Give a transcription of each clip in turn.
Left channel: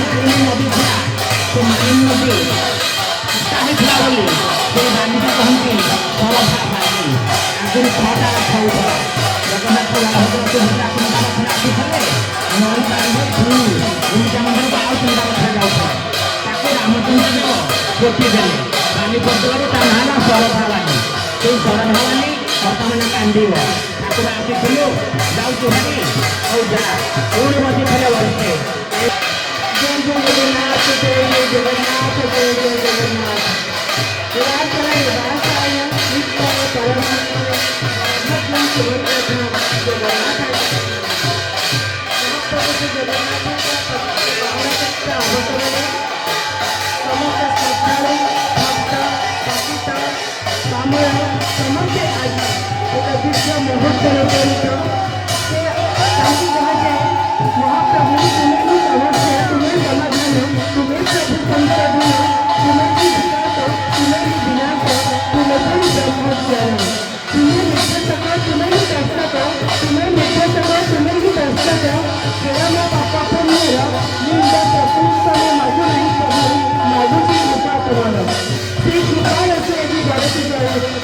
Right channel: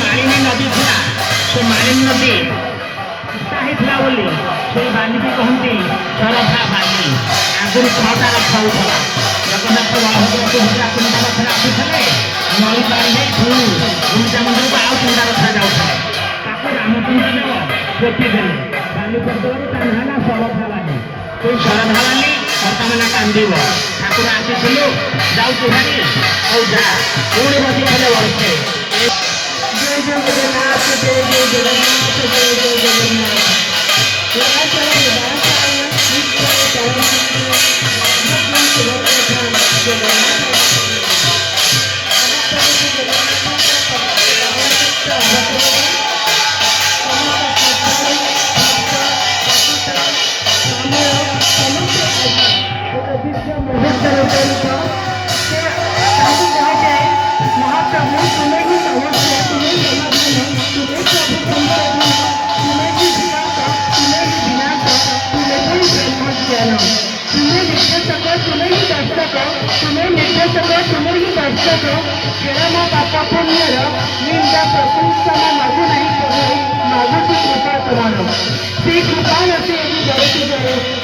मालिनी नदी था से मालिनी नदी बोली से बांधी कहती सरधा बाली आगुरी 6टा रथ होता जगन्नाथ बलभद्र सुभद्रा 3टा रथ आसुले नई पारे गुंडा मंदिर को आउ 3टा रथ जाऊे रामचंद्र देखिदेले बालीपत्र ना सरधा बाली से सरधा बाली बर्तमान कांदीब ठाकुर आसीलु जाऊँ भारी और जा पुणी बजी हेले वर्षे जय जगन्नाथ जय जय जगन्नाथ जय जय जगन्नाथ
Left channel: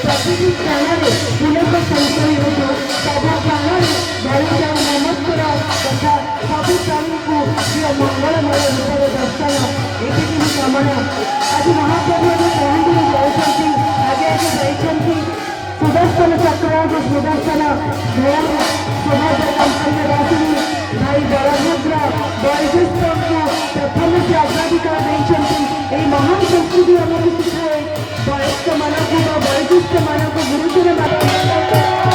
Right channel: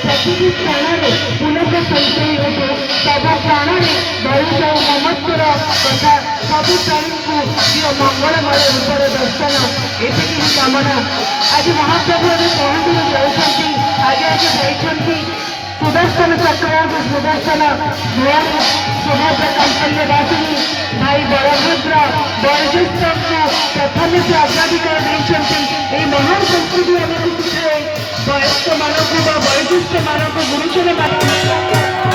प्रतिदिन प्राणे पुनः संचय हो सब प्राणे बढ़ी जाऊ ममत्वर तथा सब प्राणी को मंगलमय रूप दर्शन ये कामना आज महाप्रभु पहुँच जाती आज जाती सुदर्शन चक्र सुदर्शन सुभद्र कैंकर्यवासिनी भाई बलभद्र बयोज्येष्ठ को प्रथम से अग्राधिकार देते महान संस्कृति आमको शिखाए वयस्क मानक बयोज्येष्ठ मानक गुरुजन मान